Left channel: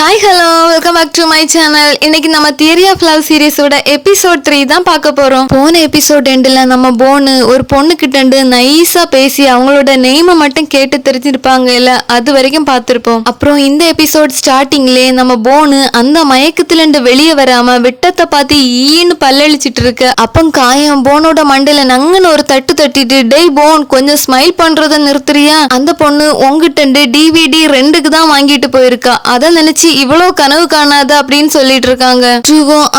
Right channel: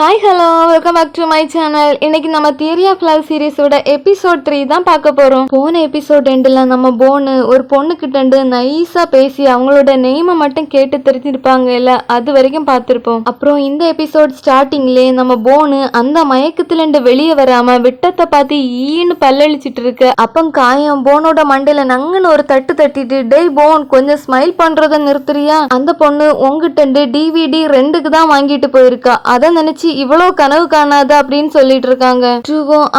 Hi hello welcome back to my channel. இன்னைக்கு நம்ம theory of love சீரிஸோட episode 3 தான் பார்க்க போறோம். போன எபிசோட் எண்டில் நம்ம போனு ஒரு பொண்ணு கிட்ட நைஸா பேசி அவங்களோட நெய்மை மட்டும் கேட்டு தெரிஞ்சிருப்பாங்க இல்ல, அது வரைக்கும் பார்த்திருப்போம். அப்புறம் இந்த எபிசோட் ஸ்டார்டிங்லேயே நம்ம போனு அந்த மயக்கத்துல வெளியே வராம விட்டத்தை பார்த்து ஈன்னு பல்லழிச்சிட்டு இருக்கு. அப்போ காயம் போனோட மண்டையில நங்குன்னு ஒரு தட்டு தட்டிட்டு, டேய் போன் கொஞ்சம் ஸ்மைல் பண்றத நிறுத்துறியா, அந்த பொண்ணு உங்ககிட்ட டிவிடி 2க்கு தான் வாங்கிட்டு போயிருக்கா, அதை நினைச்சு இவ்வளவு கனவு காணாத அப்படின்னு சொல்லிட்டு இருக்காங்க.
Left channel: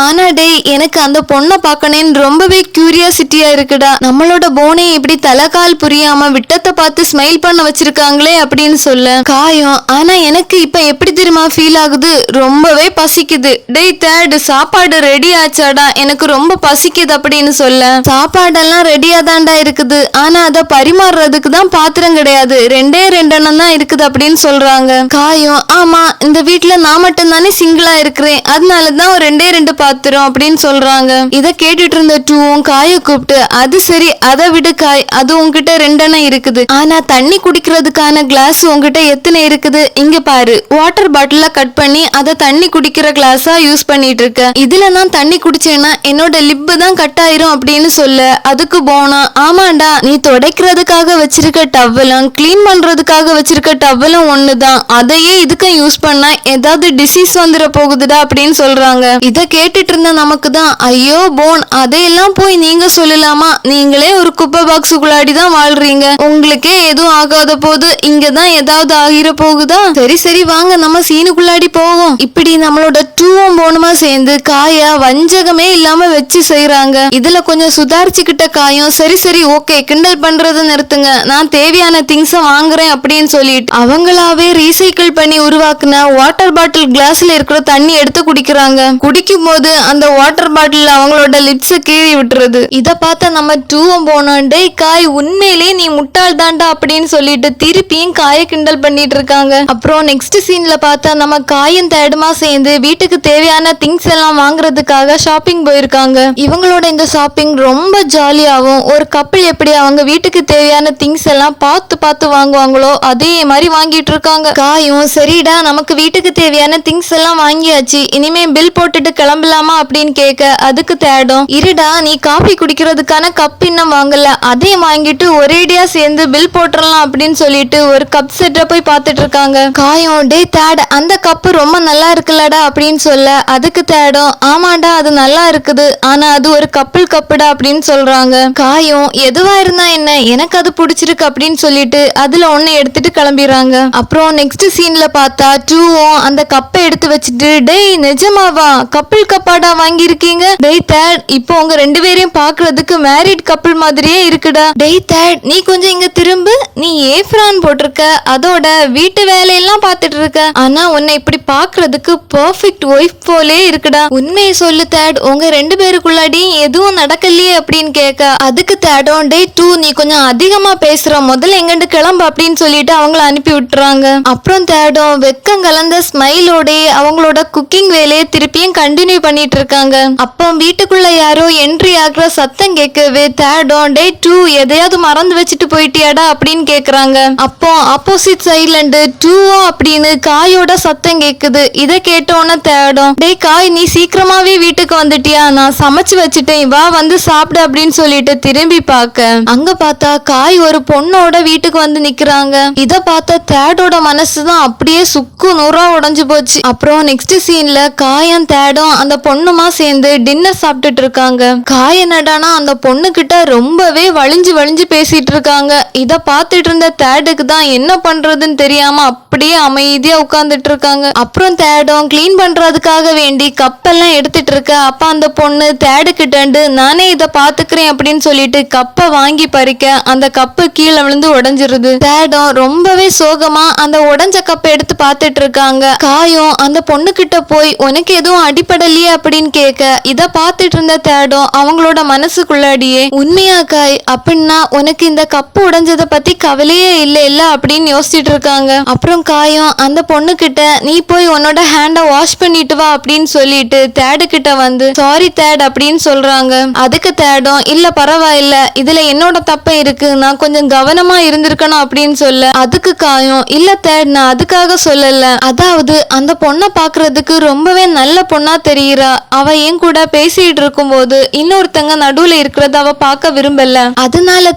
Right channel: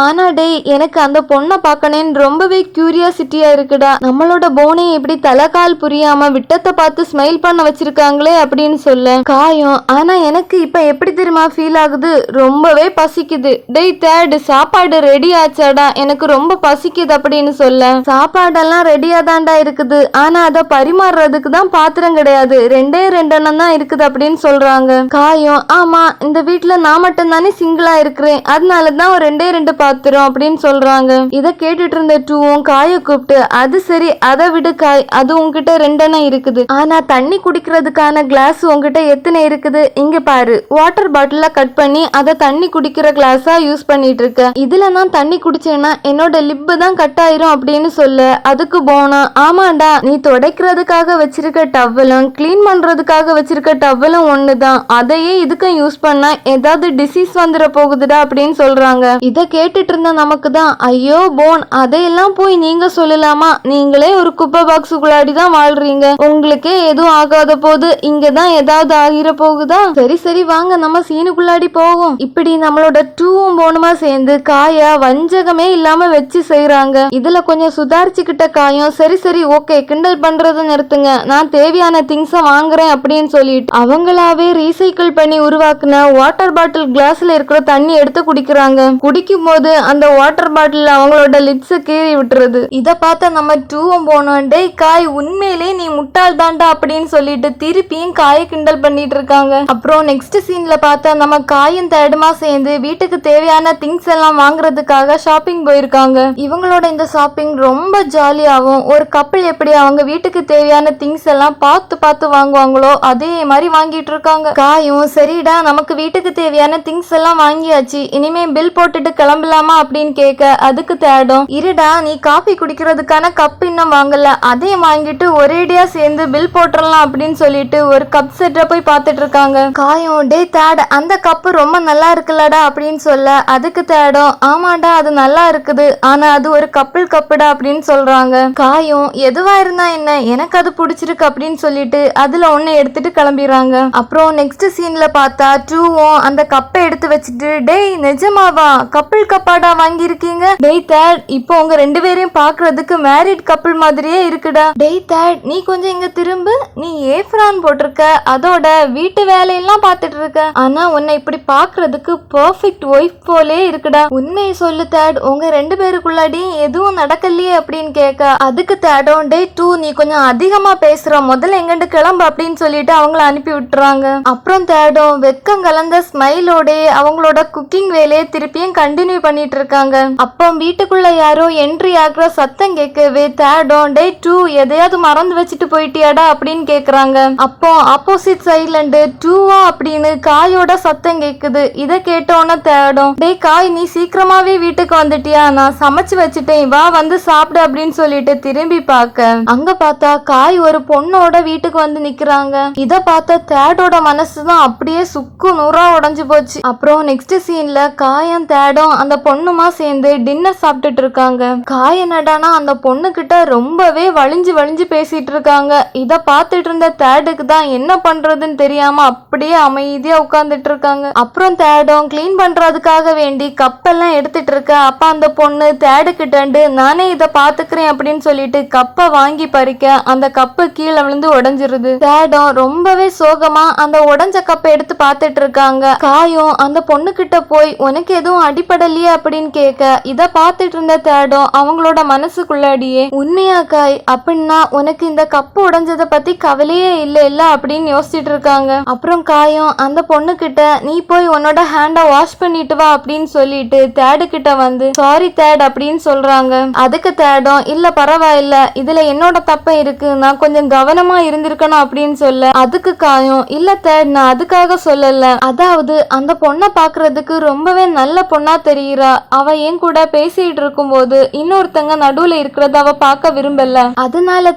ஆனா டே எனக்கு அந்த பொண்ணை பார்க்கணும்னு ரொம்பவே கியூரியாசிட்டியா இருக்குடா. நம்மளோட போனை இப்படி தலைகால் புரியாம விட்டத்தை பார்த்து ஸ்மைல் பண்ண வச்சிருக்காங்களே அப்படின்னு சொல்ல காயம். ஆனா எனக்கு இப்ப எப்படி தெரியுமா ஃபீல் ஆகுது, ரொம்பவே பசிக்குது. டேய் தேர்டு சாப்பாடு ரெடி ஆச்சாடா, எனக்கு ரொம்ப பசிக்குது அப்படின்னு சொல்ல சாப்பாடெல்லாம் ரெடியா தான்டா இருக்குது, ஆனா அதை பரிமாறுறதுக்கு தான் பாத்திரம் கிடையாது, 2 எண்ணம் தான் இருக்குது அப்படின்னு சொல்றாங்க. காயம் ஆமா இந்த வீட்டுல நான் மட்டும் தானே சிங்கிளா இருக்கிறேன், அதனாலதான் 2 பாத்திரம் அப்படின்னு சொல்றாங்க. இத கேட்டுட்டு இருந்த டூவும் காய கூப்பிட்டு, அது சரி அதை விடு காய், அது உங்ககிட்ட 2 எண்ணம் இருக்குது, ஆனா தண்ணி குடிக்கிறதுக்கான கிளாஸ் உங்ககிட்ட எத்தனை இருக்குது, இங்க பாரு வாட்டர் பாட்டில கட் பண்ணி அதை தண்ணி குடிக்கிற கிளாஸா யூஸ் பண்ணிட்டு இருக்க, இதுல நான் தண்ணி குடிச்சேன்னா என்னோட லிப்பு தான் கட் ஆயிரும் அப்படின்னு சொல்ல அதுக்கு போனா, ஆமாண்டா நீ துடைக்கிறதுக்காக வச்சிருக்க டவலும் கிளீன் பண்றதுக்காக வச்சிருக்க டவலும் ஒண்ணுதான், அதையே இதுக்கு யூஸ் பண்ணா ஏதாவது டிசீஸ் வந்துட போகுதுடா அப்படின்னு சொல்றாங்க. இத கேட்டுட்டு இருந்த நமக்கு தான் ஐயோ போன் அதையெல்லாம் போய் நீங்க சொல்லலாமா, நீங்களே ஒரு குப்பை பாக்ஸுக்குள்ளாடி தான் வாழ்றீங்க, உங்களுக்கே எதுவும் ஆகாத போது இங்கதான் ஏதாவது ஆகிர போகுதா, சரி சரி வாங்க நம்ம சீனுக்குள்ளாடி போவோம். இப்படி நம்மளோட டூவும் போனுமா சேர்ந்து காயா வஞ்சகமே இல்லாம வச்சு செய்யறாங்க. இதுல கொஞ்சம் சுதாரிச்சுக்கிட்ட காயம் சரி சரி ஓகே கிண்டல் பண்றதை நிறுத்துங்க, நான் தேவையான திங்ஸ வாங்குறேன் அப்படின்னு சொல்லிட்டு அவங்களாவே ரீசைக்கிள் பண்ணி உருவாக்குன வாட்டர் பாட்டில் கிளாஸ்ல இருக்கிற தண்ணி எடுத்து குடிக்கிறாங்க. குடிக்கும் போது அந்த வாட்டர் பாட்டில் அவங்களோட லிப்ஸ் கீழே விட்டுறது. இத பார்த்த நம்ம டூவும் போனோம், டேய் காய் உண்மையிலே நீ முட்டாள் தாண்டா அப்படின்னு சொல்லிட்டு திருப்பியும் காய கிண்டல் பண்ணிட்டு இருக்காங்க. அப்புறம் நெக்ஸ்ட் சீன்ல பார்த்தா நம்ம காயும் தேடுமா சேர்ந்து வீட்டுக்கு தேவையான திங்ஸ் எல்லாம் வாங்குறதுக்காக ஷாப்பிங் போயிருக்காங்க. இவங்களோட இந்த ஷாப்பிங் ரொம்ப ஜாலியாகவும், ஒரு கப்பல் எப்படி அவங்க வீட்டுக்கு தேவையான திங்ஸ் எல்லாம் பார்த்து பார்த்து வாங்குவாங்களோ அதே மாதிரி வாங்கிட்டு இருக்காங்க. காயும் சரிடா நமக்கு வீட்டுக்கு தேவையான திங்ஸ் எல்லாம் வாங்கியாச்சு, இனிமே பில் போட்டுட்டு கிளம்பலாமா அப்படின்னு கேட்க அதுக்கு தேடும், இருடா நீ காபி குடிக்கிறதுக்கான கப் இன்னும் வாங்கல, அதையும் வாங்கிட்டு ஒரேடியா சேர்ந்து பில் போட்டுடலாம் அப்படின்னு சொல்லிட்டு ஒரு கப் செட்டை போய் பார்த்துட்டு இருக்காங்க. காயம் டே தேட் அந்த கப்பு ரொம்ப நல்லா இருக்குல்லடா அப்படின்னு சொல்ல அதுக்கு தேடும், ஆமாடா அது நல்லா இருக்குது, ஆனா அது ஒரு கப்புடா அப்படின்னு சொல்றாங்க. காயம் எதுவா இருந்தா என்ன எனக்கு அது பிடிச்சிருக்கு அப்படின்னு சொல்லிட்டு அதுல ஒன்னு எடுத்துட்டு கிளம்பிடுறாங்க. அப்புறம் நெக்ஸ்ட் சீன்ல பார்த்தா டூவும் அந்த கப்பை எடுத்து வச்சுட்டு, டேய் நிஜமாவா கப்பிள் கப்பாடா வாங்கியிருக்கீங்க, டேய் தேட் இப்போ உங்க 2 பேரையும் பாக்குறதுக்கு மேரிட் கப்பிள் மாதிரியே இருக்குடா, டேய் தேட் நீ கொஞ்சம் இங்க திரும்பு, நீ ஏப்ரான் போட்டிருக்க அதோட வீட்டு வேலையெல்லாம் பார்த்துட்டு இருக்க, ஆனா உன்னை இப்படி பாக்குறதுக்கு பெர்ஃபெக்ட் ஒய்ஃப் போலே இருக்குடா, உண்மையை சொல்லு தேட் உங்க 2 பேருக்குள்ளாடி எதுவும் நடக்கலையே அப்படின்னு கேட்க அதுக்கு தேடும், டேய் டூ நீ கொஞ்சம் அதிகமா பேசுற, முதல்ல எங்கண்டு கிளம்பு அப்படின்னு சொல்லிட்டு அவங்கள அனுப்பி விட்டுறாங்க. அப்புறம் தேடும் வெக்கம் கலந்த ஸ்மைலோட அவங்களோட குக்கிங் வேலையை திருப்பியும் கண்டினியூ பண்ணிட்டு இருக்காங்க. அப்போ வீட்டுக்குள்ள யாரோ என்ட்ரி ஆகுற சத்தம் கேட்கவே தேடும், டே டூ எதையாவது மறந்து வச்சுட்டு போயிட்டியாடா அப்படின்னு கேக்குறாங்க. அப்போ ஆப்போசிட் சைட்ல இருந்து டூவா அப்படின்னு காயோட சத்தம் கேக்குது. இதை கேட்டோன்னு தேடும், டே காய் நீ சீக்கிரமாவே வீட்டுக்கு வந்துட்டியா, நான் சமைச்சு வச்சுட்டேன் வா வந்து சாப்பிடு அப்படின்னு சொல்லிட்டு திரும்பி பார்க்க அங்க பார்த்தா காய் ஒரு பொண்ணோட வீட்டுக்கு வந்து நிக்கிறாங்க. இத பார்த்தா தேடோட மனசுதான் அப்படியே சுக்கு நூறா உடைஞ்சு போச்சு. அப்புறம் நெக்ஸ்ட் சீன்ல காயம் தேடும் அந்த பொண்ணுமா சேர்ந்து டின்னர் சாப்பிட்டுட்டு இருக்காங்க. காய நடானா அந்த பொண்ணு கிட்ட ரொம்பவே வலிஞ்சு வலிஞ்சு பேசிட்டு இருக்காங்க. இத பார்த்துட்டு இருந்த தேடுக்கு தான் என்ன பண்றதுன்னு தெரியாம அப்படியே அமைதியா உட்கார்ந்துட்டு இருக்காங்க. அப்புறம் தேடும் கிளீன் பண்றதுக்காக வேண்டி கப்பெல்லாம் எடுத்துட்டு இருக்க. அப்ப அந்த பொண்ணு தேடு கிட்ட நானே இத பாத்துக்கிறேன் அப்படின்னு சொல்லிட்டு கப்பை வாங்கி பறிக்க அந்த கப்பு கீழே விழுந்து உடைஞ்சிருது. தேடும் ரொம்பவே சோகமா அந்த உடைஞ்ச கப்பை எடுத்து பார்த்துட்டு இருக்காங்க. காயம் அந்த பொண்ணு கிட்ட போய் உனக்கு எதுவும் அடிப்படலையே அப்படின்னு கேட்க இத பார்த்துட்டு இருந்த தேடும் அவங்களோட மனசுக்குள்ளாடியே, உண்மையா காய் அப்படின்னா உனக்கு இந்த கப்பு உடைஞ்சதை பத்தி கவலையே இல்ல அப்படின்னு யோசிச்சுட்டு இருக்காங்க. அப்புறம் காயம் அந்த பொண்ணு கிட்ட நீ போய் உன்னோட ஹேண்ட வாஷ் பண்ணிட்டு வா அப்படின்னு சொல்லிட்டு தேடு கிட்ட வந்து சாரி தேட் அப்படின்னு சொல்றாங்க. அதுக்கு தேடும் இல்ல பரவாயில்ல இதுல என்னோட தப்ப இருக்கு, நான் கொஞ்சம் கவனமா இருந்திருக்கணும் அப்படின்னு சொல்ல அதுக்கு காயம் இல்ல தேட் நான் அதுக்காக சொல்லல, அதாவது இருக்கும்போது அந்த பொண்ணை பாக்குறதுக்கு ரொம்பவே நல்ல பொண்ணா தெரியுறா. அவ என் கூட பேசிட்டு இருக்கும்போது இன்னொருத்தங்க நடுவுல இருக்கிறத அவ பார்க்க விரும்பல. அதனால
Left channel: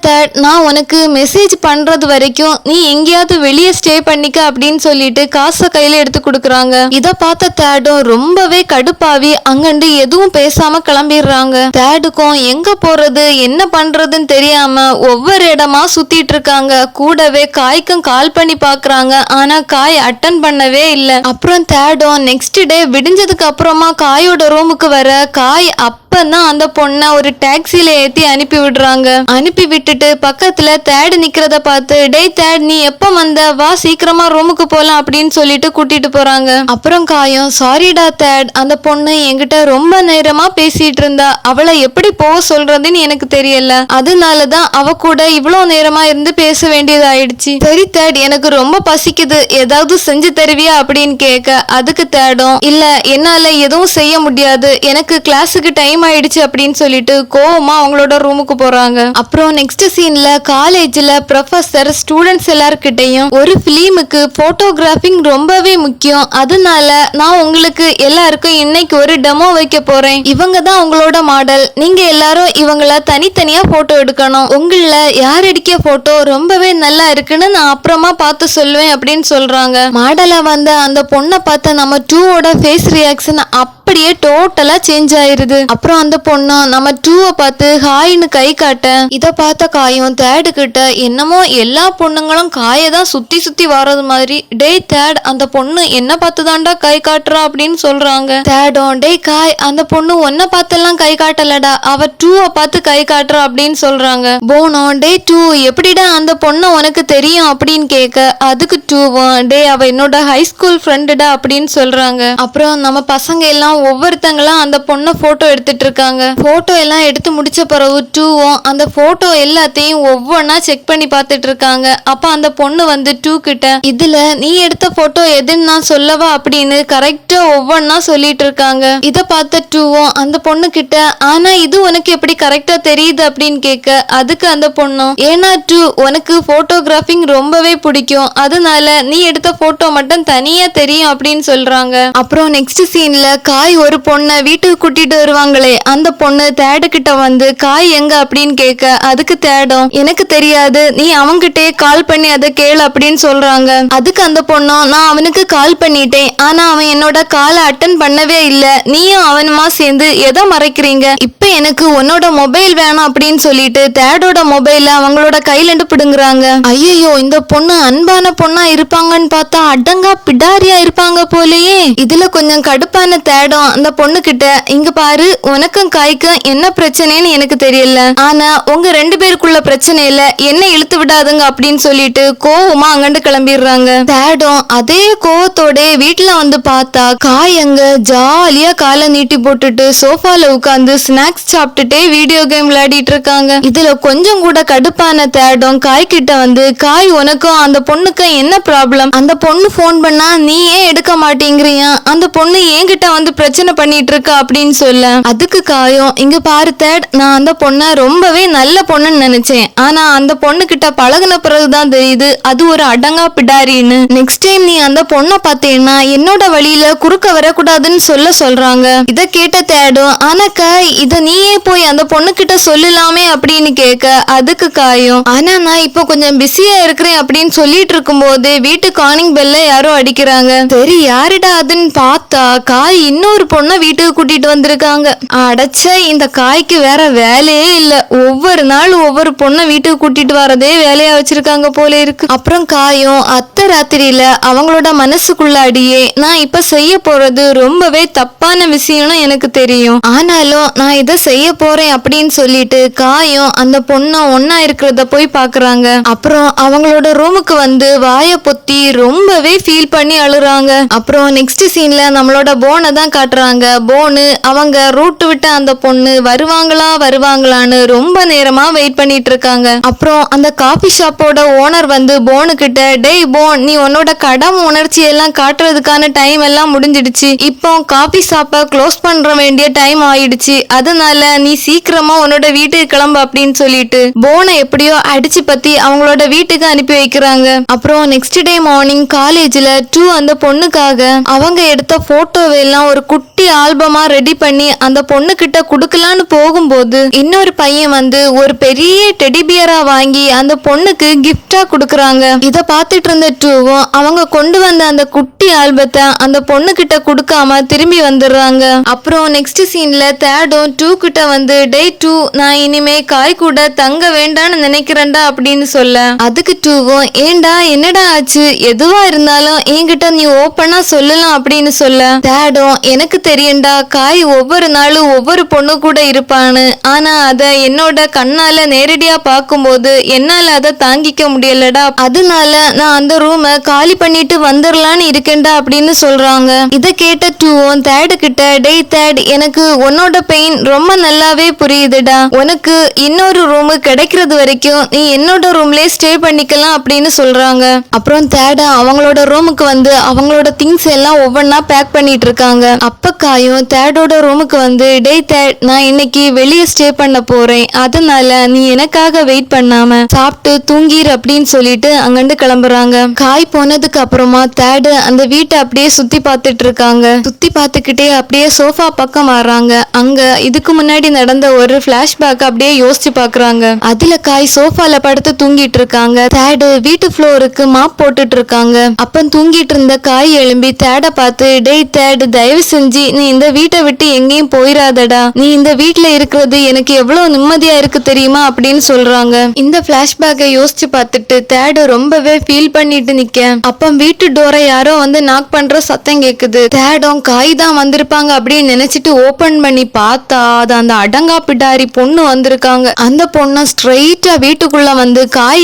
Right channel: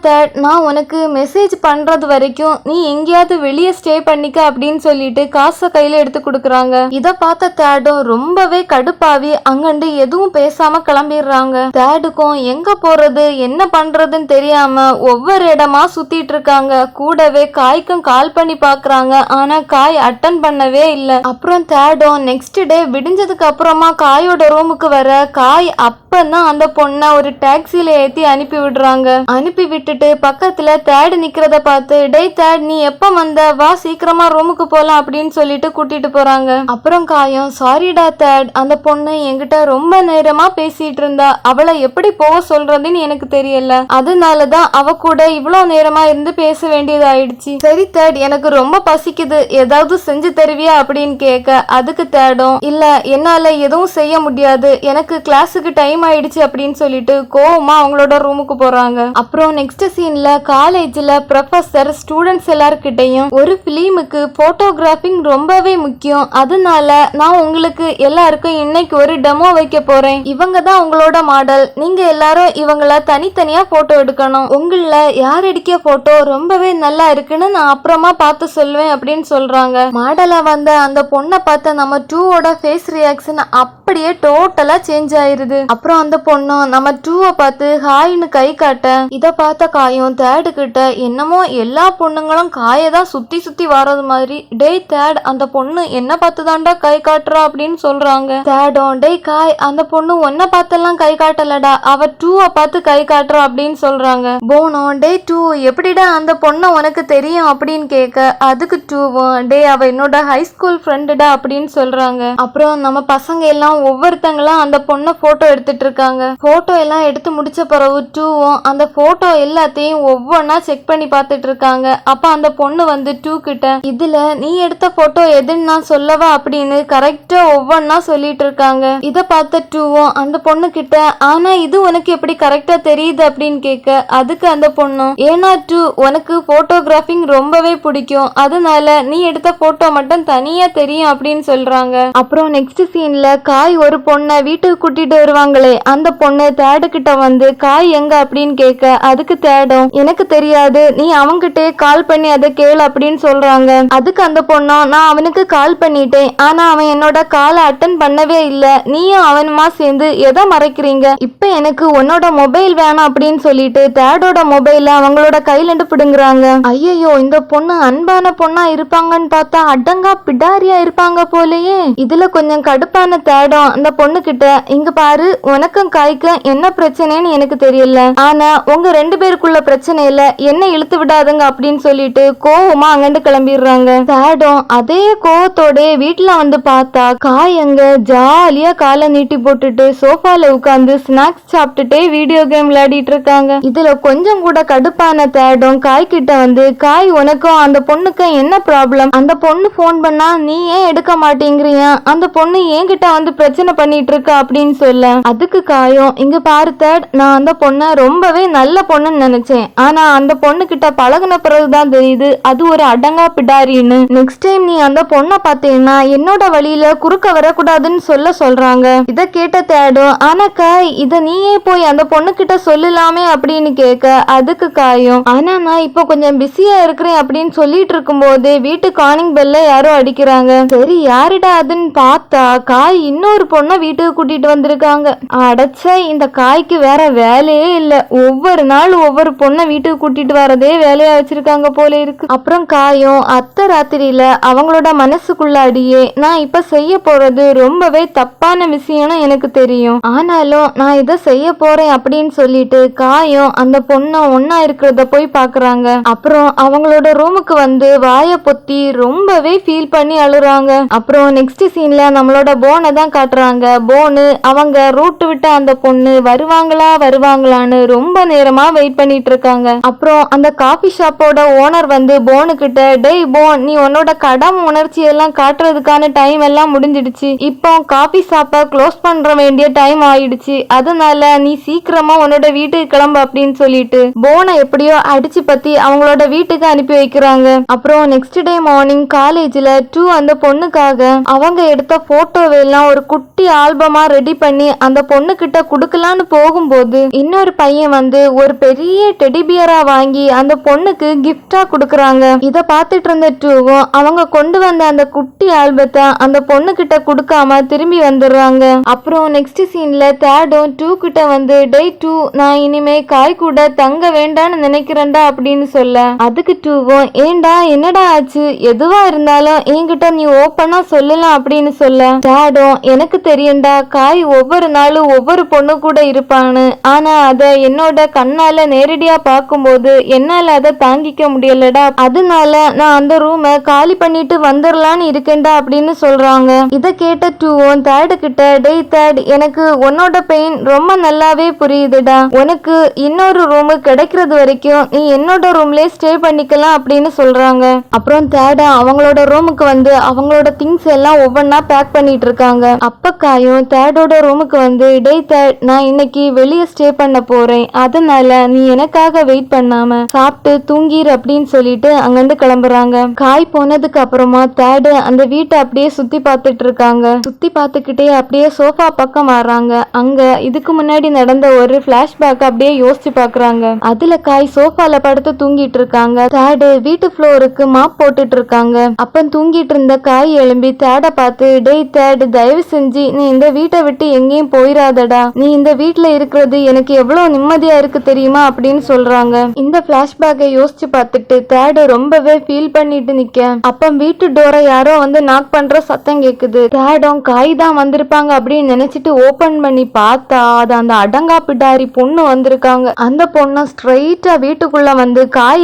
நான் உனக்கு மெசேஜ் பண்றது வரைக்கும் நீ எங்கேயாவது வெளியே ஸ்டே பண்ணிக்க அப்படின்னு சொல்லிட்டு காசை கையில எடுத்து கொடுக்குறாங்க. இத பார்த்த தேடும் ரொம்பவே கடுப்பாவி அங்கண்டு எதுவும் பேசாம கிளம்பிடுறாங்க. தேடுக்கும் எங்க போறது என்ன பண்றதுன்னு தெரியாம ஒவ்வொரு இடமா சுத்திட்டு இருக்காங்க. கூடவே காய்க்கும் கால் பண்ணி பாக்குறாங்க. ஆனா காய் அட்டன் பண்ணவே இல்ல. அப்புறம் தேடும் நெக்ஸ்ட் டே விடிஞ்சதுக்கு அப்புறமா காயோட ரூமுக்கு வர காய் அப்பதான் அந்த பொண்ணை ஒரு டாக்ஸில ஏத்தி அனுப்பி விடுறாங்க. அனுப்பி விட்டுட்டு பக்கத்துல தேடு நிக்கிறத பார்த்து டேய் தேட் நீ எப்ப வந்த வா சீக்கிரமா ரூமுக்கு போலாம் அப்படின்னு சொல்லிட்டு கூட்டிட்டு போறாங்க. அப்புறம் காயும் சாரிடா தேட் அந்த பொண்ணு என்கிட்ட ரொம்ப நேரமா பேசிட்டு இருந்தா அவளை எப்படி போக சொல்றதுன்னு எனக்கு தெரியல. அதனாலதான் அவ கூட இவ்வளவு நேரமா இருந்து பேச வேண்டியதாயிடுச்சு. சரி தேட் எனக்கு ரொம்ப பசிக்குது ஏதாவது செஞ்சு தருவியா அப்படின்னு கேட்க அதுக்கு தேடும் இல்ல என்னால எதுவும் செய்ய முடியாது எனக்கு கிளாஸுக்கு டைம் ஆயிடுச்சு அப்படின்னு சொல்லிட்டு கோவமா அவங்களோட ரூமுக்கு போறாங்க. அப்புறம் நெக்ஸ்ட் சீன்ல காலேஜ்ல ப்ரொஃபசர் ஸ்டூடெண்ட்ஸ் எல்லார்கிட்டையும் ஒரு பிலிமுக்கு போட்டோகிராஃபிங் ரொம்பவே முக்கியம், அதனால நான் உங்களுக்கு எல்லாருக்கும் இன்னைக்கு ஒரு டெமோ வைக்க போறேன். இவங்க தான் உங்களோட மாடல், நீங்க எல்லாரும் இவங்கள தனித்தனியா போட்டோ எடுக்கணும். உங்கள யார் எடுக்க போட்டோ ரொம்பவே நல்லா இருக்குன்னு நான் அப்புறமா பார்த்து சொல்லுவேன் அப்படின்னு சொல்றாங்க. மாடலா வந்த அந்த பொண்ணை பார்த்த நம்ம டூவோட ஃபேஸ் ரியாக்ஷன் அப்படியே டோட்டலா சேஞ்ச் ஆயிருது. அப்புறம் அந்த பொண்ணு நம்ம டூவை பார்த்து ஹாய்னு கை காட்ட இத பார்த்த காயும் தேடு கிட்ட என்னமோ எல்லா பொண்ணுங்களும் காயை தான் சுத்தி சுத்தி வர்றது மாதிரி டேய் தேட் அந்த பொண்ணு என்ன பார்த்து தாண்டா கை காட்டுறா அப்படின்னு சொல்றாங்க. தேடும் டேய் காய் அந்த பொண்ணு ஒன்ன பார்த்தெல்லாம் கை காட்டலடா அவ டூவை பார்த்து கை காட்டுறா அப்படின்னு சொல்றாங்க. போனோ டேய் டூ எப்படிடா அந்த பொண்ணு உனக்கு தெரியும் அப்படின்னு கேட்க அதுக்கு டூவும் டே அவ என்னோட ஹை ஸ்கூல் ஃப்ரெண்டுடா அப்படின்னு சொல்றாங்க. அப்புறம் நம்ம பசங்க எல்லாம் ஒவ்வொருத்தங்களும் அந்த பொண்ணை போட்டோ எடுத்துட்டு இருக்காங்க. போட்டோ எல்லாம் எடுத்து முடிச்ச பிறகு டூவும் அந்த போட்டோ எல்லாத்தையும் ஒவ்வொன்னா செக் பண்ணி பார்த்துட்டு இருக்காங்க. அப்ப அந்த பொண்ணு வந்து டூ கிட்ட இதுல நீ எடுத்த போட்டோ எதுன்னு நான் சொல்லவா அப்படின்னு கரெக்டா ஒவ்வொன்னா சொல்லிட்டு இருக்காங்க. இத பார்த்த டூவும் அந்த பொண்ணு கிட்ட ஆனா இது உனக்கு எப்படி கரெக்டா தெரியுது அப்படின்னு கேட்க அதுக்கு அந்த பொண்ணும் ஏன்னா டூ உனக்கு போட்டோகிராஃபிங் ரொம்பவே பிடிக்கும் அதனால நீ எடுத்த போட்டோ மட்டும் தனியா தெரியும் அப்படின்னு சொல்றாங்க. அப்புறம் நெக்ஸ்ட் சீன்ல காய் ஒரு பொண்ணை வீட்டுக்கு கூட்டிட்டு வருவாங்களே அந்த பொண்ணு தேடு கிட்ட வந்து காய் எங்க அப்படின்னு கேட்க அதுக்கு தேடும் எனக்கு தெரியாது நீ அவன்கிட்டே கால் பண்ணி அதை கேளு அப்படின்னு சொல்றாங்க. அதுக்கு அந்த பொண்ணும் நான் அவனுக்கு கால் பண்ணிட்டேன் ஆனா அவன் என்னோட காலை அட்டன் பண்ணவே இல்ல நீயும் அவனுமா சேர்ந்து எதை மறைக்கிறீங்க இப்ப எனக்கு உன்னோட மொபைல் வேணும் அப்படின்னு சொல்லிட்டு தேடோட மொபைல அவங்களோட கையில இருந்து பிடுங்குறாங்க. ஐயோ இந்த பொண்ணு அன்பான பொண்ணா இருப்பாங்கன்னு பார்த்தா அடங்கா பிடாரியா இருப்பாங்க போலயே. இதுல கொஞ்சம் கடுப்பான தேடம் அந்த பொண்ணு கிட்ட இங்க பாரு உனக்கும் காய்க்கும் என்ன பிரச்சனைன்னு எனக்கு தெரியல ஆனா உங்க ரெண்டு பேருக்குள்ள பிரச்சனையில என்ன இழுத்து விடாதுங்க அப்படின்னு சொல்லிட்டு கோவமா அங்கண்டு கிளம்பிடுறாங்க. தேடம் அதே கோவத்தோட வீட்டுல வந்து பார்த்தா காய் அங்க ஜாலியா காலை நீட்டி போட்டுட்டு சோஃபால உட்கார்ந்து ஸ்நாக்ஸ் சாப்பிட்டுட்டே வீடியோ கேம் விளையாடிட்டு இருக்காங்க. இதுல கொஞ்சம் கூட கடுப்பான தேடம் காய் கிட்ட வந்து காய் உனக்கும் அந்த பொண்ணுக்கும் என்ன ப்ராப்ளம் அந்த பொண்ணு போன் பண்ணா நீ ஏன் எடுக்க மாட்டேங்கிறியா அந்த பொண்ணு என்கிட்ட வந்து பிரச்சனை பண்ணிட்டு இருக்கா அப்படின்னு சொல்ல அதுக்கு காயும் இங்க பாரு தேட் நான் அந்த பொண்ணை ரொம்பவே நல்ல பொண்ணுன்னு நினைச்சேன் ஆனா அந்த பொண்ணு கிட்ட பழகுன பிறகுதான் தெரியுது அது ஒரு அடங்கா பிடாரின்னு. நெக்ஸ்ட் டைம் நீ அந்த பொண்ணை பார்த்தேன்னா என்னோட வழியில குறுக்க வரக்கூடாதுன்னு சொல்றாங்க. இத கேட்ட தேடும் ஆனா காய் இத நீயே போய் அந்த பொண்ணு கிட்ட சொல்லலாமே அப்படின்னு கேட்க அதுக்கு காயும் ஆனா நான் இப்போ கொஞ்சம் பிஸியா இருக்கிறேன் அப்படின்னு சொல்லிட்டு இருக்கும் போது வீட்டு காலிங் பெல்ல யாரோ அடிக்கிறாங்க. சரி யாருடா அதுன்னு பார்த்தா காய் இன்னொரு பொண்ணை வீட்டுக்கு கூட்டிட்டு வந்திருக்காங்க. அடைச்ச இந்த காய்க்கு வேற வேலையே இல்ல ஒவ்வொரு நாள் ஒவ்வொரு பொண்ணை வீட்டுக்கு கூட்டிட்டு வரதே வேலையா வச்சிருக்காங்க போல இருக்கு. அப்புறம் காயும் அத்தை ராத்திரியில அவங்களோட மனசுக்குள்ள அடியே நான் இப்ப செய்ய போறது ரொம்பவே தப்பான விஷயம்னு எனக்கு தெரியும் ஆனாலும் நான் இதை செய்ய போறேன் அப்படின்னு சொல்லிட்டு காயும் அந்த பொண்ணை ஒன்னா இருக்கிறத போய் பாக்குறாங்க. அப்புறம் அவங்களோட ரூமுக்கு வந்து வாய பொத்தி ரொம்பவே ஃபீல் பண்ணி அழுறாங்க. அப்புறம் நெக்ஸ்ட் சீன்ல நம்மளோட போனை தான் காட்டுறாங்க. போனு அவங்க ரூட் விட்ட அந்த பொண்ணு வருவாங்களான்னு ரொம்ப நேரமா வெயிட் பண்ணிட்டு இருக்காங்க. அப்புறம் அந்த காபி ஷாப்போட ஓனர் வந்து போனு கிட்ட டேய் போன் போன், நீ உன்னோட கடமை உணர்ச்சி எல்லாம் காட்டுறதுக்கான டைம் எல்லாம் முடிஞ்சிடுச்சு. இப்போ காபி ஷாப்பை க்ளோஸ் பண்ற வேண்டிய டைம் ஆயிடுச்சு. அதனால நீ சீக்கிரமா உன்னோட வீட்டுக்கு கிளம்பு அப்படின்னு சொல்லிட்டு போனை எப்படியோ அடிச்சு பத்தி அவங்களோட வீட்டுக்கு அனுப்பி வைக்கிறாங்க. அப்புறம் நெக்ஸ்ட் டே மார்னிங் காலேஜ்ல அந்த பொண்ணுக்காக அவங்க எடுத்த போட்டோவெல்லாம் ஒரு குட்டி ஆல்பமா ரெடி பண்ணி அந்த பொண்ணு கிட்ட குடுக்கலான்னு போகும்போது இன்னொரு பையன் வந்து ஒரு பெரிய டெடிபியரா வாங்கி அந்த பொண்ணுக்கு கிஃப்டா குடுக்கறாங்க. இத பாத்துட்டு இருந்த டூவும் அவங்க கொண்டு வந்த அந்த குட்டி ஆல்பத்தை அந்த பொண்ணு கிட்ட குடுக்காம திரும்பி வந்துடுறாங்க. அப்புறம் நெக்ஸ்ட் சீன்ல தேடும் டூ கிட்ட வந்து டே டூ, நான் இனிமே காய் கூட தங்க வேண்டான்னு நினைக்கிறேன்டா அப்படின்னு சொல்ல, அதுக்கு டூவும் ஏண்டா என்னடா ஆச்சு, எதுவா இருந்தாலும் என்கிட்ட நீ ஓப்பனா சொல்லலாம் அப்படின்னு சொல்ல, தேடும் எனக்கு தெரியும்டா காய் ஒவ்வொரு நாளும் ஒவ்வொரு பொண்ணு கூட இருப்பான்னு, ஆனா அத என்னோட கண்ணால நேரடியா பார்க்கும்போது என்னால அதை தாங்கிக்க முடியலடா, அதனால நான் அந்த ரூமை காலி பண்ணிட்டு வந்துடலான்னு இருக்கேன்டா அப்படின்னு சொல்றாங்க. இத கேட்ட டூவும் தேடு கிட்ட டே தேட், எனக்கு உன்னோட பெயின் ரொம்ப நல்லாவே புரியுதுடா, உனக்கு இன்னொரு ரூம் கிடைக்கிறது வரைக்கும் நீ என்னோட ரூம்லயே ஸ்டே பண்ணிக்கலாம் அப்படின்னு சொல்றாங்க. அப்புறம் தேட அவங்களோட ரூமுக்கு வந்து அவங்களோட திங்ஸ் எல்லாம் ஒவ்வொன்னா பேக் பண்ணிட்டு இருக்காங்க. அப்ப காயும் தேடோட ரூமுக்கு வந்து டே தேட், நான் இன்னைக்கு வெளியே ஸ்டே பண்ண போறேன், அதனால நீ எனக்காக வெயிட் பண்ணாம சாப்பிட்டு தூங்கிரு அப்படின்னு சொல்லிட்டு அங்கிருந்து கிளம்புறாங்க. காய் போனதுக்கு அப்புறமா தேடு அந்த வீட்டை அப்படியே சுத்தி பார்த்துட்டு இருக்காங்க. சுத்தி பார்த்துக்கிட்டே அப்படியே சோஃபா பக்கம் வர்றாங்க. அங்க இதுக்கு முன்னாடி நடந்த ஒரு பிளாஷ்பேக் அப்படியே யோசிச்சு பாக்குறாங்க. அதுல காய் சோஃபால படுத்து தூங்கிட்டு இருக்காங்க. தேடு வீட்டு ஃப்ளோருக்கு மாப் போட்டுட்டு இருக்காங்க. அப்ப தூங்கிட்டு இருந்த காய் எழும்பி தேட பார்த்து டே தேடு, தயவு செஞ்சு நீ இந்த வீட்டை விட்டு எங்கேயும் போயிடாதடா, நீ இந்த வீட்டுல இருக்கிறது எனக்கு எவ்வளவு நிம்மதியா இருக்கு தெரியுமா அப்படின்னு சொல்றாங்க. இந்த பிளாஷ்பேக்கை யோசிச்சு பார்த்துட்டு தேடு ரொம்பவே ஃபீல் பண்ணிட்டு நிக்க, அப்ப வீட்டு டோரை யாரோ வந்து நாக் பண்ற சத்தம் கேக்குது. தேடும் காய் தான் வந்திருப்பாங்க அப்படின்னு நினைச்சிட்டு ஓபன் பண்ணி பார்த்தா அது அந்த அடங்கா பிடாரி பொண்ணு வந்திருக்காங்க. அந்த பொண்ணு ஸ்ட்ரெயிட்டா வீட்டுக்குள்ள வந்து காய்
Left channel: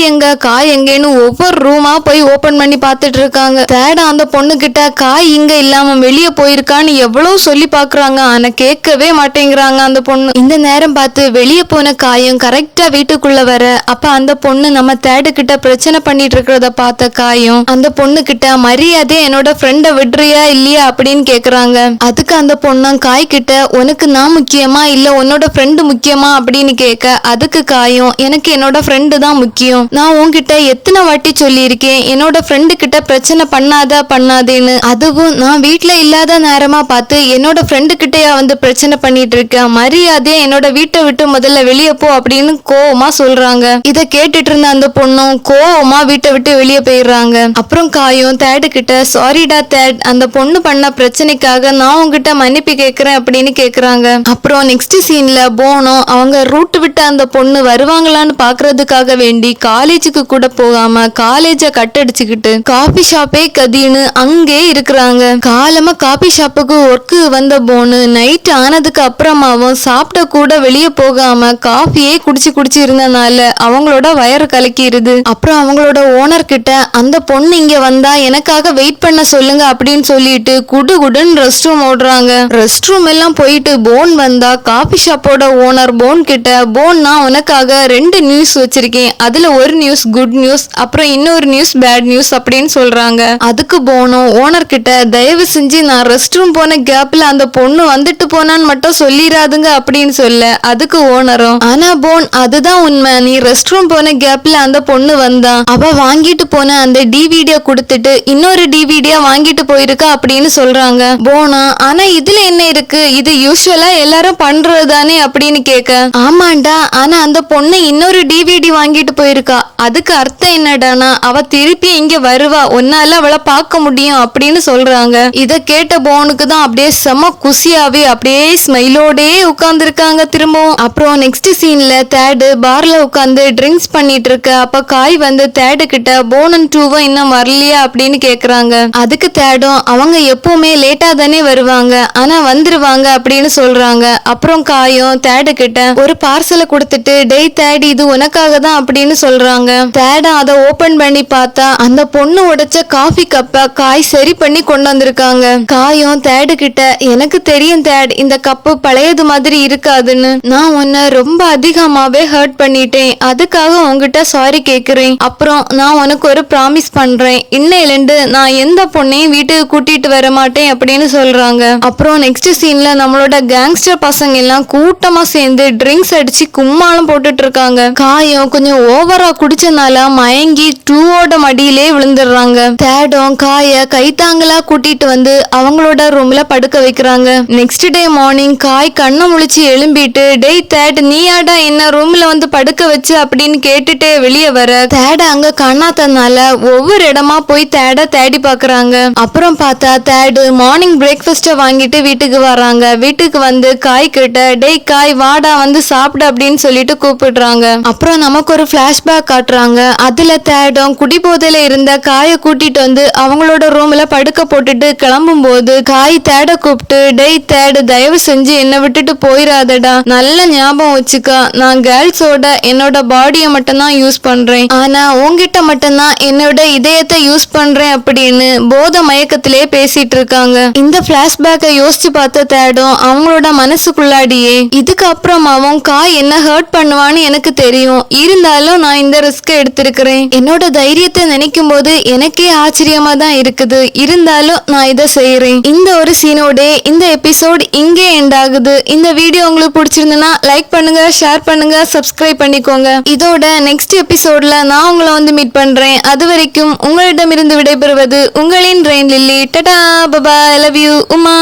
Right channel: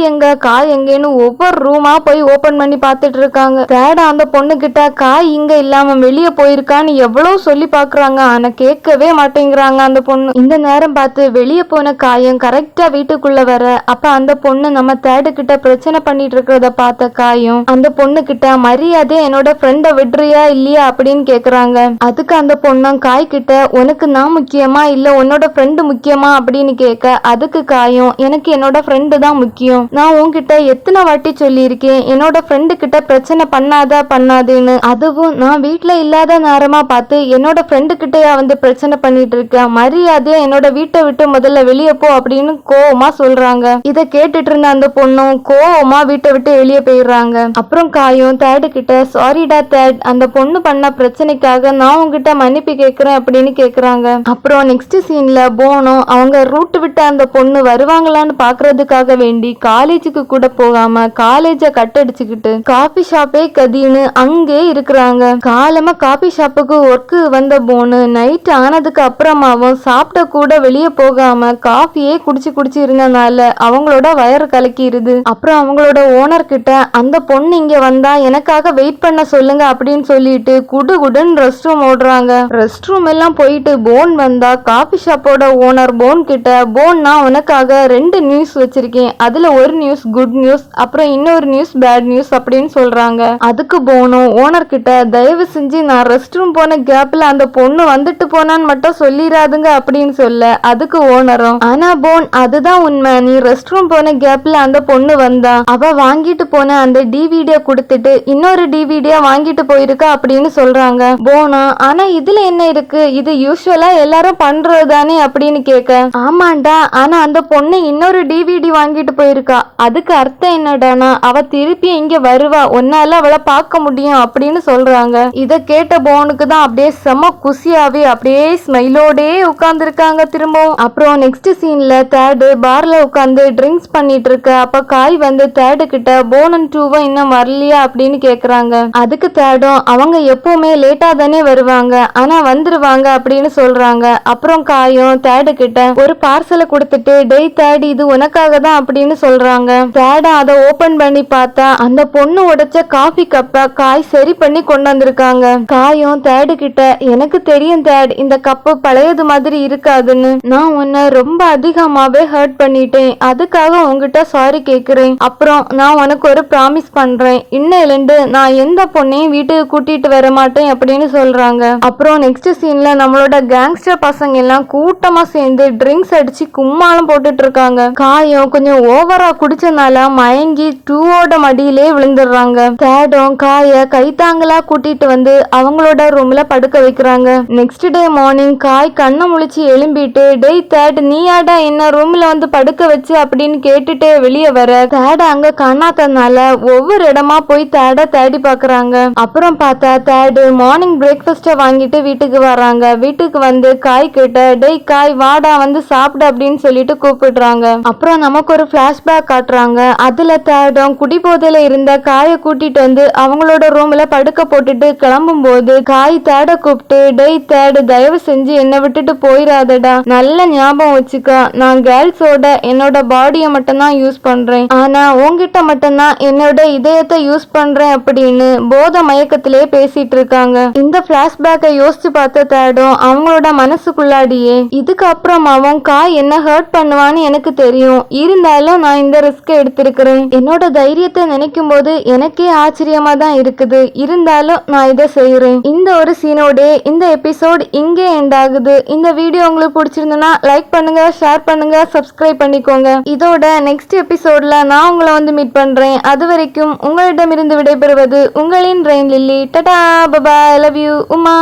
எங்கன்னு ஒவ்வொரு ரூமா போய் ஓபன் பண்ணி பார்த்துட்டு இருக்காங்க. தேட அந்த பொண்ணு கிட்ட காய் இங்க இல்லாம வெளியே போயிருக்கான்னு எவ்வளவு சொல்லி பாக்குறாங்க, ஆனா கேட்கவே மாட்டேங்கிறாங்க அந்த பொண்ணு. இந்த நேரம் பார்த்து வெளியே போன காயும் கரெக்டா வீட்டுக்குள்ள வர, அப்ப அந்த பொண்ணு நம்ம தேடு கிட்ட பிரச்சனை பண்ணிட்டு இருக்கிறத பார்த்த காயும் அந்த பொண்ணு கிட்ட மரியாதை என்னோட ஃப்ரெண்ட விடுறியா இல்லையா அப்படின்னு கேக்குறாங்க. அதுக்கு அந்த பொண்ணு காய் கிட்ட உனக்கு நான் முக்கியமா இல்ல உன்னோட ஃப்ரெண்டு முக்கியமா அப்படின்னு கேட்க, அதுக்கு காயும் எனக்கு என்னோட ஃப்ரெண்டு தான் முக்கியம், நான் உன்கிட்ட எத்தனை வாட்டி சொல்லியிருக்கேன் என்னோட ஃப்ரெண்டு கிட்ட பிரச்சனை பண்ணாதேன்னு, அதுவும் நான் வீட்டுல இல்லாத நேரமா பார்த்து என்னோட ஃப்ரெண்டு கிட்டயா வந்து பிரச்சனை பண்ணிட்டு இருக்கேன், மரியாதையா என்னோட வீட்டை விட்டு முதல்ல வெளியே போ அப்படின்னு கோவமா சொல்றாங்க. இத கேட்டுட்டு இருந்த அந்த பொண்ணும் கோவமா வீட்டை விட்டு வெளியே போயிடுறாங்க. அப்புறம் காயும் தேடு கிட்ட சாரிடா தேட், அந்த பொண்ணு பண்ண பிரச்சனைக்காக நான் உங்ககிட்ட மன்னிப்பு கேக்குறேன் அப்படின்னு கேக்குறாங்க. அப்புறம் நெக்ஸ்ட் சீன்ல போனோம் அவங்க ரூட் விட்டு அந்த பொண்ணு வருவாங்களான்னு பாக்குறதுக்காக வேண்டி காலேஜுக்கு கூட போகாம காலேஜ கட்டடிச்சுக்கிட்டு காபி ஷாப்பே கதின்னு அங்கே இருக்கிறாங்க. காலமா காபி ஷாப்புக்கு ஒர்க்கு வந்த போனு நைட் ஆனதுக்கு அப்புறமாவும் சாப்பிட்ட கூட வெளியே போகாம காஃபியே குடிச்சு இருந்தனால அவங்களோட வயறு கலக்கிடுது. அப்புறம் அவங்களோட ஓனர் கிட்ட அந்த பொண்ணு இங்க வந்தா எனக்காக வெயிட் பண்ண சொல்லுங்க அப்படின்னு சொல்லிட்டு குடுகுடுன்னு ரெஸ்ட் ரூம் ஓடுறாங்க. ரெஸ்ட் ரூம் எல்லாம் போயிட்டு போன் வந்தா காபி ஷாப்போட ஓனர் போன் கிட்ட, போன் நான் உனக்காக 2 நியூஸ் வச்சிருக்கேன், அதுல ஒரு நியூஸ் குட் நியூஸ், அப்புறம் இன்னொரு நியூஸ் பேட் நியூஸ் அப்படின்னு சொல்றாங்க. அதுக்கு போனும் ஓனர் கிட்ட தயவு செஞ்சு நான் ரெஸ்ட் ரூம் போன கேப்ல அந்த பொண்ணு வந்துட்டு போனான்னு மட்டும் சொல்லிராதுங்க அப்படின்னு சொல்ல, அதுக்கு ஓனரும் ஆனா போன் அதுதான் உண்மை, நீ ரெஸ்ட் ரூம் போன கேப்ல அந்த பொண்ணு வந்தா, அவ வாங்கிட்டு போன அந்த டிவிடிய கொடுத்துட்டு இன்னொரு டிவிடியா வாங்கிட்டு போயிருக்கா அப்படின்னு சொல்றாங்க. போனா ஆனா இதுல என்ன இருக்கு, இது யூசுவலா எல்லாரும் பண்றதுதானே அப்படின்னு கேட்க, ஆமாண்டா ஆனா அந்த பொண்ணு இன்னொரு டிவிடி வாங்கிட்டு போயிருக்கா, அதுக்கு அர்த்தம் என்னடானா அவ திருப்பி இங்க வருவா, உன்னால அவளை பார்க்க முடியும் அப்படின்னு சொல்றாங்க. இத கேட்ட போனுக்கு தான் அப்படியே செம குசியாவே அப்படியே ஸ்மைலோடே உட்கார்ந்து இருக்காங்க திரும்பவும். அப்புறம் நெக்ஸ்ட் சீன்ல தேடு பார்ல உட்கார்ந்து ட்ரிங்க்ஸ் பண்ணிட்டு இருக்க, அப்ப காய் வந்து தேடு கிட்ட போனன் டூவா இன்னும் வரலையா அப்படின்னு கேக்குறாங்க. அதுக்கு தேடும் அவங்க எப்பவுமே லேட்டா தானே வருவாங்க, ஆனா வந்துருவாங்க அப்படின்னு சொல்றாங்க. அப்புறம் காயும் தேடு கிட்ட ஒரு பார்சலை கொடுத்துட்டு டே தேடி இது உனக்காக தான் அப்படின்னு சொல்றாங்க. தேட அதை ஓபன் பண்ணி பார்த்தா அந்த பொண்ணு உடைச்ச காஃபி கப்ப காய் சரி பண்ணி கொண்டு வந்திருக்காங்க. காயும் தேடு கிட்ட எனக்கு தெரியும் தேட் இந்த கப்பு பழையது மாதிரி இருக்காதுன்னு, நான் உன்னை ரொம்ப அதிகமாவே ஹர்ட் பண்ணிட்டேன், அதுக்காக உங்ககிட்ட சாரி கேக்குறேன், அப்புறம் நான் உனக்கு ஒரு ப்ராமிஸ் ப்ராமிஸ் பண்றேன், இன்னையிலிருந்து நான் எந்த பொண்ணையும் வீட்டுக்கு கூட்டிட்டு வர மாட்டேன் அப்படின்னு சொல்றாங்க. அப்புறம் நெக்ஸ்ட் சீன்ல நம்மளோட கேங்ஸ்டர் பசங்க எல்லாம் கூட்டமா சேர்ந்து ட்ரிங்க்ஸ் அடிச்சு கும்மாளம் போட்டுட்டு இருக்காங்க. காயம் கொஞ்சம் ஓவரா குடிச்சனால மயங்கி டூவோட மடியிலே விழுந்துடுறாங்க. தேடும் காய கைத்தாங்களா கூட்டிட்டு வந்து அவங்களோட ரூம்ல படுக்க வைக்கிறாங்க. நெக்ஸ்ட் டே மார்னிங் காய் கண்ணை முழிச்சு எழும்பிட்டு, டேய் தேட் நீயாடா என்ன ரூம்ல வந்து படுக்க வச்சு அப்படின்னு கேட்டுட்டே வெளியே வர, தேட அங்க காணாதனால ஒவ்வொரு இடமா போய் தேட தேடி பாக்குறாங்க. அப்புறம் பார்த்தா தேடு மார்னிங் பிரேக்ஃபாஸ்ட வாங்கிட்டு வீட்டுக்கு வராங்க. வீட்டுக்கு வந்து காய் கிட்ட, டேய் காய் வாடா வந்து சாப்பிடு அப்படின்னு சொல்லிட்டு கூப்பிடுறாங்க. அப்புறம் நமக்கு ஒரு பிளாஷ்பேக் காட்டுறாங்க. அதுல தேடும் குடிபோதையில இருந்த காயை கூட்டிட்டு வந்து அவங்களோட ரூம்ல படுக்க போட்டுட்டு கிளம்பும் போது காய் தேட கூப்பிட்டு, டேய் தேடு தயவு செஞ்சு என்னை விட்டுட்டு போயிடாதடா, நல்ல ஞாபகம் வச்சுக்கா, நான் கேர்ள்ஸோட என்னோட பாடியை மட்டும் தான் யூஸ் பண்றேன், ஆனா உங்ககிட்ட மட்டும்தான் என்னோட இதயத்தை யூஸ் பண்றேன் அப்படின்னு போத மயக்கத்திலே பேசிட்டு இருக்காங்க. இந்த பிளாஷ்பேக்கை யோசிச்சு பார்த்த தேடும் அவங்களோட மனசுக்குள்ளாடியே, இதுக்கு அப்புறமாவும் காய் என்ன ஹர்ட் பண்ணுவான்னு எனக்கு தெரியும், இருந்தாலும் நான் இந்த ரிஸ்க் எடுத்திருக்கிறேன், என்னோட தைரியத்தை நினைக்கும் போது எனக்கே ஆச்சரியமா தான் இருக்குது, இருந்தாலும் நான் இதை செய்யறேன். இந்த ஒரு சீனோட இந்த எபிசோட் இங்கே எண்ட் ஆகுது. இந்த வீடியோ உங்களுக்கு பிடிச்சிருந்தனா லைக் பண்ணுங்க, ஷேர் பண்ணுங்க, சப்ஸ்கிரைப் பண்ணிக்கோங்க. இதோட நெக்ஸ்ட் எபிசோட்ல நான் உங்களை வந்து மீட் பண்றேன். அது வரைக்கும் உங்களிடமிருந்து விடைபெறுவது உங்களின் ரெயின் லில்லி. டடா, பபாய், லவ் யூ, உமா.